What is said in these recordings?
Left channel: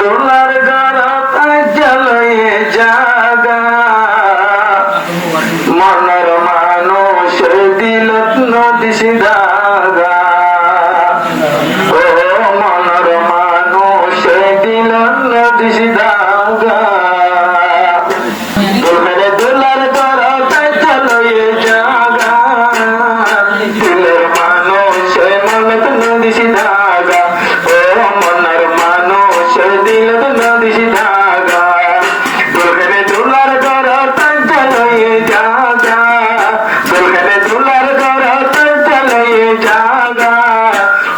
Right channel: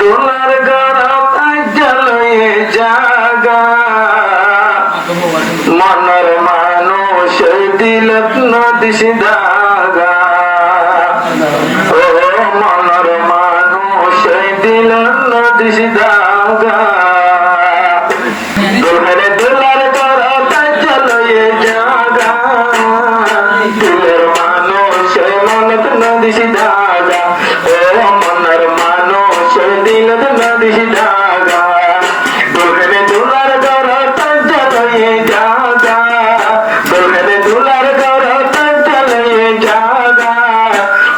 দোলার গড়ত জ্বলয়ে জাগা মনের মানুষ দিলত নদিস দাগা ও মনের মানুষ দিলত নদিস দাগা দোলার গড়ত জ্বলয়ে জাগা দিলের মানুষ মনত নদিস দাগা ও মনের মানুষ দিলত নদিস দাগা দোলার গড়ত জ্বলয়ে জাগা দোলার গড়ত জ্বলয়ে জাগা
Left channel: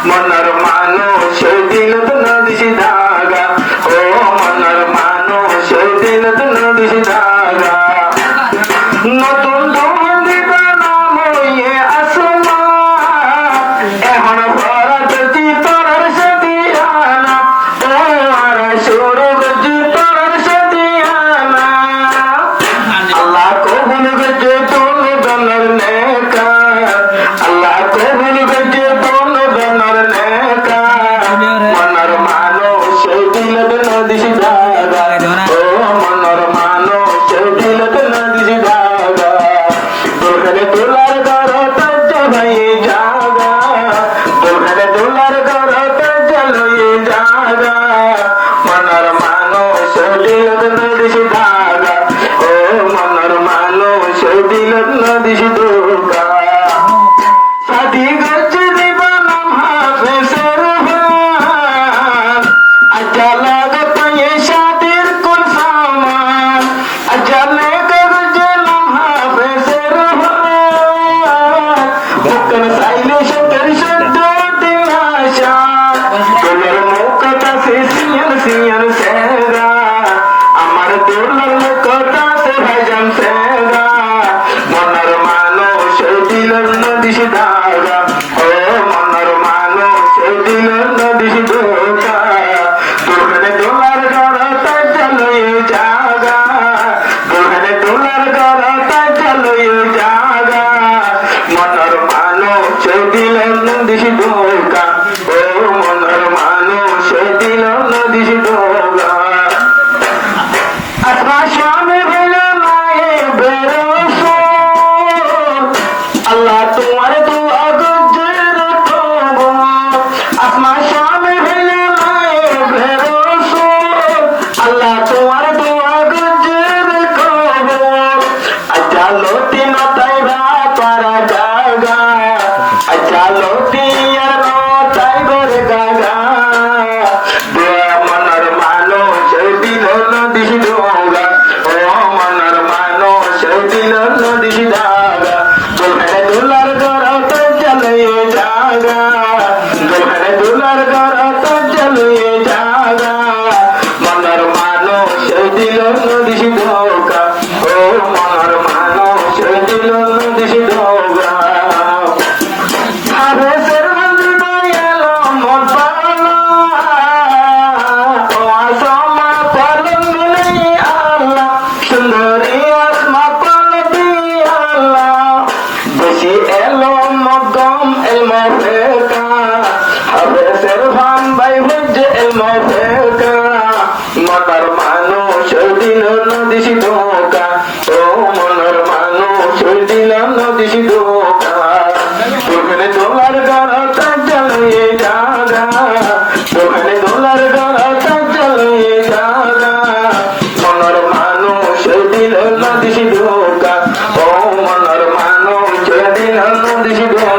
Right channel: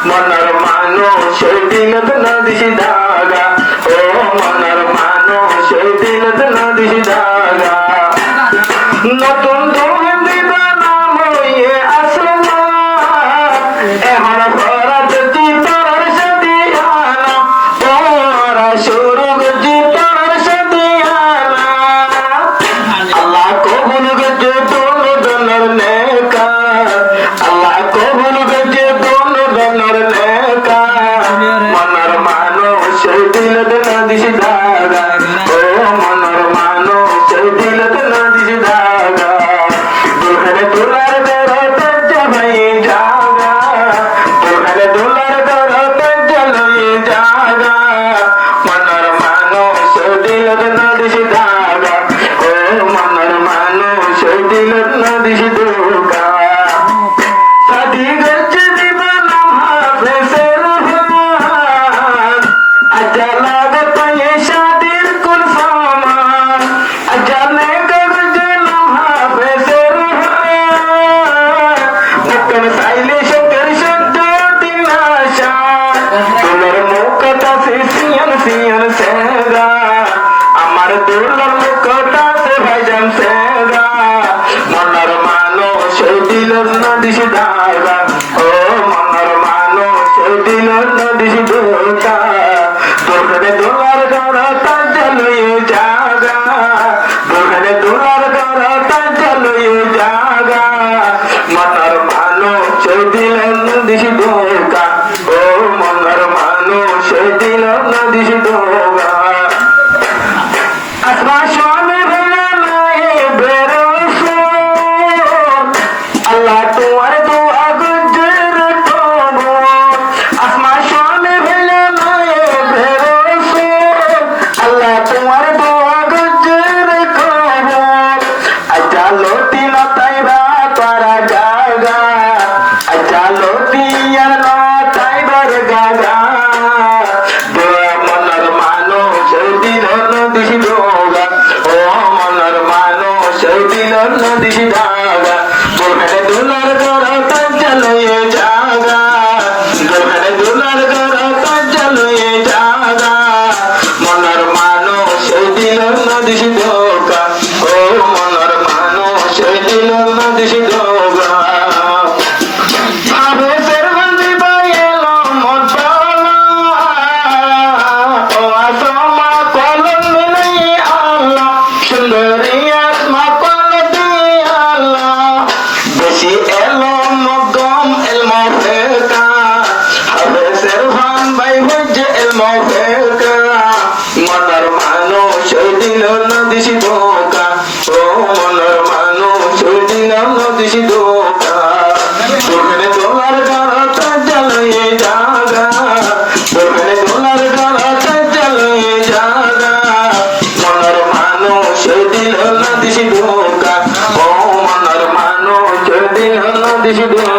মনের মানুষ দিলত নদিস দাগা ও মনের মানুষ দিলত নদিস দাগা নতুন ধরুন দিবানা লইয়ে আসলা এখন ভরত জীবনের সদিয়ানা ও আর সৌরভ জীবনের সদিয়ানা আল্লাহ কবুল গজে দোন দনের নেকা আল্লাহ কবুল গজে দোন দনের নেকা মনের মানুষ দিলত নদিস দাগা ও মনের মানুষ দিলত নদিস দাগা দোলার গড়ত জ্বলয়ে জাগা দোলার গড়ত জ্বলয়ে জাগা মনের মানুষ দিলত নদিস দাগা ও মনের মানুষ দিলত নদিস দাগা সাদি গজ দিবানা হাফেজের ভান আজা লাগত ये शादिर कुल सामान अजा ने गज लम्हा हाफेजेर भान मुकन साइले शकर शद्दो दिनाशा দোলার মুখটা সিয়ন সিয়ন সেরা আমার দোলার মুখটা সে ভাইজান সেরা মনের মানুষ দিলের নদিস দাগা ও মনের মানুষ দিলের নদিস দাগা দোলার গড়ত জ্বলয়ে জাগা দোলার গড়ত জ্বলয়ে জাগা মনের মানুষ দিলের নদিস দাগা ও মনের মানুষ দিলের নদিস দাগা আসমান শামে হইল নাই বেরোস আল্লাহ তোমার দোয়া গজর তব আসমান শামে হইল নাই বেরোস আল্লাহ তোমার দোয়া গজর কব আচ্ছা লোটি নতাইবা করা জাগা আচ্ছা লোটি আর নতাইবার গাগা দোয়া মনের মানুষ দিল নদিস দাগা ও মনের মানুষ দিল নদিস দাগা দোলার গড়ত জ্বলয়ে জাগা দোলার গড়ত জ্বলয়ে জাগা মনের মানুষ দিল নদিস দাগা ও মনের মানুষ দিল নদিস দাগা হাফেজের বন্দি বাইলো মন পালা ও আসমা পালন মিলাই আল্লাহ সুন্দরী আসমা পালতি আল্লাহ বেশি এলো মগম এলমো ফেকা হাফেজের ভান বাই হজ্জে এলমো ফেকা মনের মানুষ দিল নদিস দাগা ও মনের মানুষ দিল নদিস দাগা দোলার গড়ত জ্বলয়ে জাগা দোলার গড়ত জ্বলয়ে জাগা মনের মানুষ দিল নদিস দাগা ও মনের মানুষ দিল নদিস দাগা